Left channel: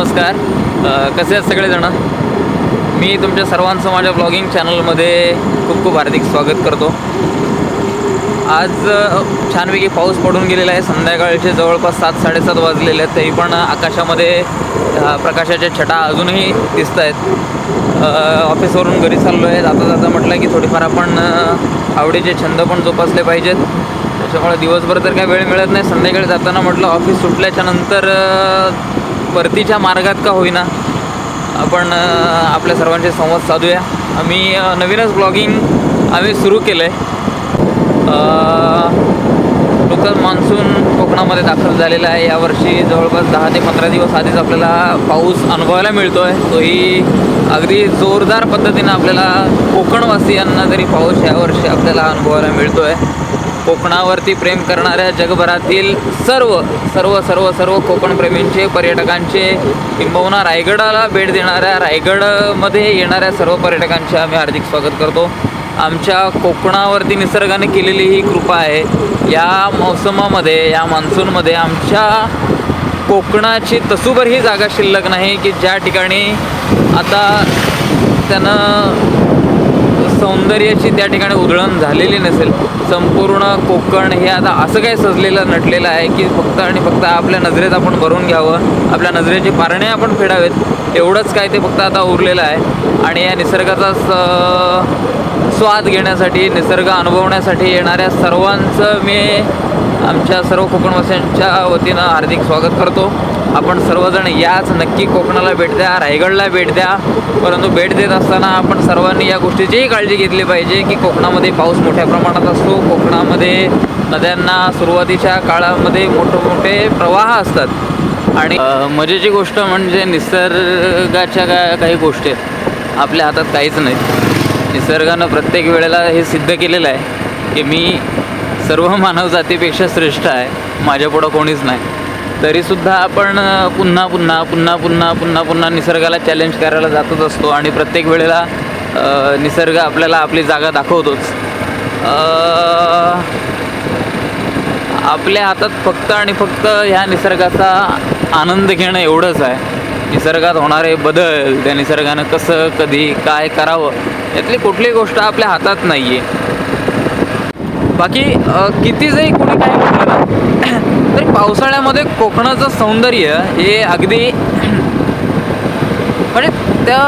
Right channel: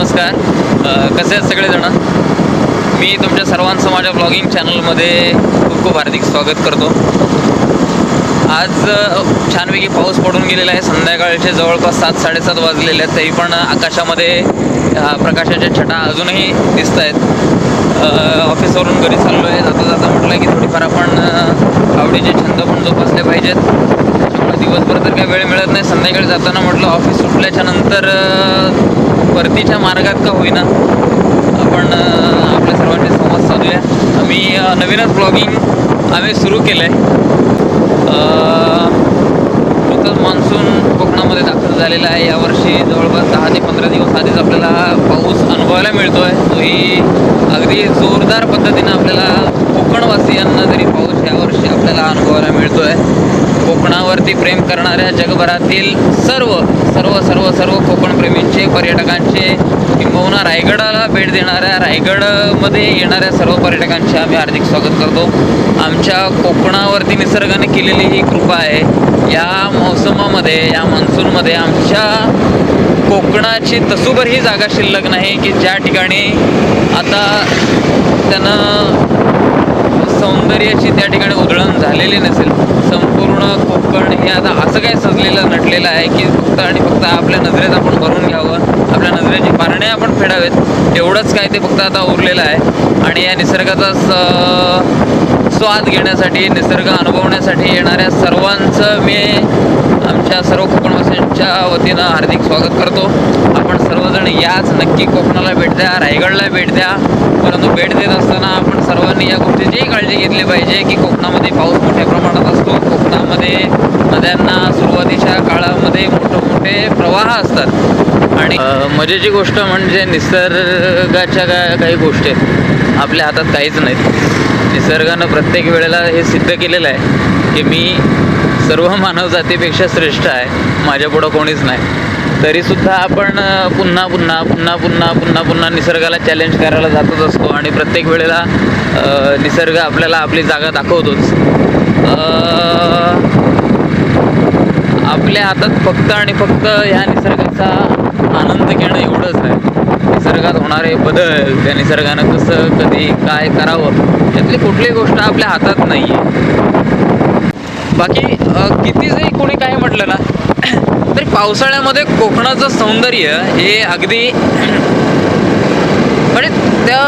नमस्कार. कसे आहेत सगळेजण? मी तुमच्या सर्वांचं माझ्या ब्लॉगिंग चॅनलमध्ये खूप खूप हार्दिक स्वागत करतो. आज छानपैकी पाऊस पडून गेलेला आहे. संध्याकाळचे जवळपास सात साडेसात वाजलेले आहेत. तरी पण आकाशामध्ये प्रकाशाच्या छटा अजूनही दिसत आहेत. ऑफिसवरून घरी चाललो आहे जाता जाता म्हटलं की थोडीफार आपण आवडीचे छंद पण जोपासले पाहिजेत. त्याच्यामुळे दिवसभर तर काय वेळ मिळत नाही. संध्याकाळी जाताना म्हटलं ऑफिस सुटल्याच्या नंतर परतीच्या मार्गात का होईना आपण आपल्या सर्वांशी संवाद साधूया. आम्ही नवीनच ब्लॉगिंग आम्ही सुरू केलं आहे नुकतंच मान्सून कोकणामध्ये दाखल झालेला आहे. यावर्षी जवळपास दहा ते पंधरा दिवस आधीच आपल्याला पाऊस अनुभवायला मिळतो आहे तोही अगदी जोरदार पद्धतीनं आपल्याला कोकणवासियांना तरी पाऊस यावर्षी आपल्याला अनुभवायला मिळतो आहे कोकणावरती प्रेम करणाऱ्या जगभरातील सर्व सर्व सर्व सर्व कोकणप्रेमींचे पर्यटकांचे किंबहुना रायगडाला भेट देणाऱ्या रायगडमध्ये येणाऱ्या सर्व पर्यटकांचे आम्ही हार्दिक स्वागत करतो. आमच्या कोकणावरती निसर्गाने केलेली ही कृपा आहे. या मोसमामध्ये या मान्सूनमध्ये आमच्या कोकणाची तसूभर ही जागा शिल्लक नाही की ज्या ठिकाणी आता त्यानं सौंदर्याची त्या ठिकाणी उधळण झालेली नसेल संपूर्ण कोकण हे आता असं काय सजलेलं नटलेलं आहे की फक्त आणि फक्त आपल्या नजरेत आपण भरून घ्यावं आपल्या नजरेची पारणे आपण फेडावेत एवढंच काय ते फक्त आता उरलेलं आहे. आणि या निसर्गाचा स स्वाद घेण्यासाठी निसर्ग अनुभवण्यासाठी येणाऱ्या सर्वांचं मी आमच्या सर्व कोकणवासियांच्या वतीनं हार्दिक स्वागत करतो. आपण सर्वजण याच नक्की कोकणाला भेट द्या रायगडला भेट द्या. परंतु भेट देत असताना आपण सर्वांनी या गोष्टीचीही काळजी घेतली पाहिजे की कोकणामध्ये पाऊस मोठ्या प्रमाणात असतो. कोकणामध्ये नद्यांना सुरुवातीच्या काळामध्ये मोठमोठे प्रवाह असतात. आणि मजेची गोष्ट म्हणजे निसर्गाच्या काय काही गोष्टी आहेत. आपल्या हातात काहीच नाहीत. निसर्गानं प्रत्येक वेळेला हे सिद्ध केलेलं आहे की मी सर्व मानवजातीपेक्षा श्रेष्ठ आहे माझ्यापुढं कोणीच नाही. तरीसुद्धा आपण पुन्हा पुन्हा पुन्हा पुन्हा पुन्हा पुन्हा निसर्गाला चॅलेंज करायला जातच असतो आणि प्रत्येक वेळेला निसर्ग आपल्याला आपली जागा दाखवतोच. आपल्या हातात फक्त आणि फक्त ह्या निसर्गाचा आनंद घेणं एवढंच आहे. निसर्गात होणारे बदल त्या निसर्गानं कसं कधी काय करावं यातली कुठलीही गोष्ट आपल्या हातात नाही आहे बाकी किती जरी कोणी काय म्हटलं ना तरी पावसाळ्यामध्ये कोकणाचं सौंदर्य हे अगदी म्हणजे त्या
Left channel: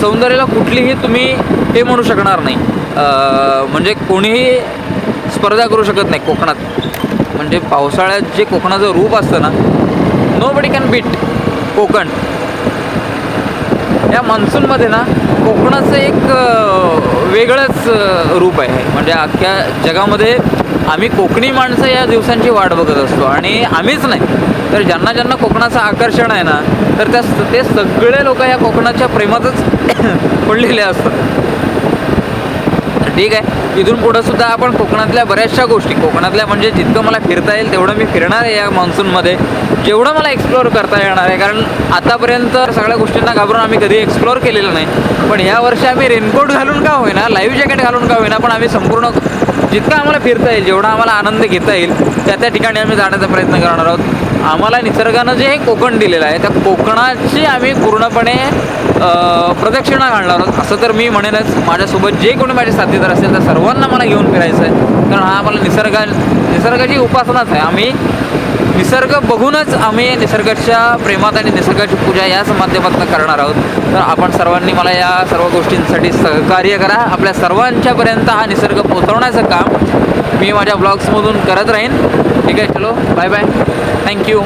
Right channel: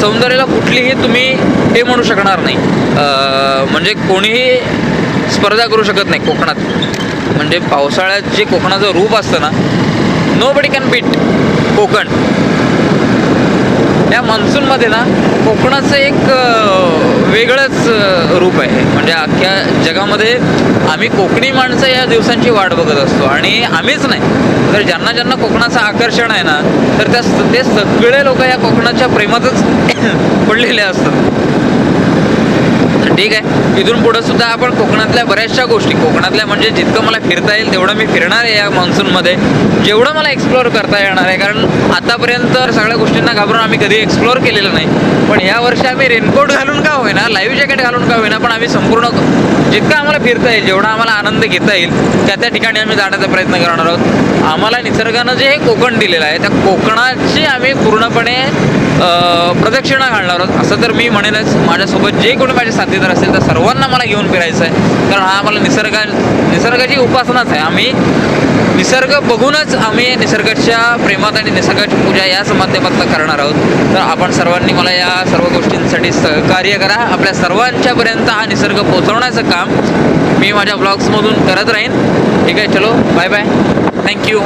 सौंदर्याला कुठलीही तुम्ही हे म्हणू शकणार नाही. म्हणजे कोणीही स्पर्धा करू शकत नाही कोकणात. म्हणजे पावसाळ्यात जे कोकणाचं रूप असतं ना nobody can beat Konkan. या मान्सूनमध्ये ना कोकणाचं एक वेगळंच रूप आहे. म्हणजे अख्ख्या जगामध्ये आम्ही कोकणी माणसं या दिवसांची वाट बघत असतो. आणि आम्हीच नाही. तर ज्यांना ज्यांना कोकणाचं आकर्षण आहे ना तर त्या ते सगळे लोक या कोकणाच्या प्रेमातच पडलेले असतात. तर ठीक आहे. इथून पुढं सुद्धा आपण कोकणातल्या बऱ्याचशा गोष्टी कोकणातल्या म्हणजे जितकं मला फिरता येईल तेवढं मी फिरणार आहे या मान्सूनमध्ये जेवढं मला एक्सप्लोअर करता येणार आहे कारण आतापर्यंत सगळ्या गोष्टींना घाबरून आम्ही कधी एक्सप्लोअर केलेलं नाही. पण या वर्षी आम्ही रेनकोट घालून का होईना लाईव्ह जॅकेट घालून का होईना पण आम्ही संपूर्ण जितकं आम्हाला फिरता येईल जेवढा आम्हाला आनंद घेता येईल त्या त्या ठिकाणी आम्ही जाण्याचा प्रयत्न करणार आहोत. आम्हाला निसर्गानं जे हे कोकण दिलेलं आहे त्या कोकणाची आम्ही पूर्णपणे प्रदक्षिणा घालणार आहोत. असं तर मी म्हणेनच माझ्यासोबत जे कोणी माझे साथीदार असेल त्या सर्वांना मला घेऊन फिरायचं आहे. कारण हा आम्हाला निसर्गा निसर्गाची उपासनाच आहे. आम्ही निसर्ग बघूनच आम्ही निसर्गाच्या प्रेमात आणि निसर्गाची पूजा याच माध्यमातून करणार आहोत. तर आपण सर्वांनी मला या सर्व गोष्टींसाठी सहकार्य करा. आपल्या सर्वांच्यापर्यंत हा निसर्ग पोचवण्याचं काम मी माझ्या ब्लॉग्समधून करत राहीन. ठीक आहे चलो बाय बाय थँक्यू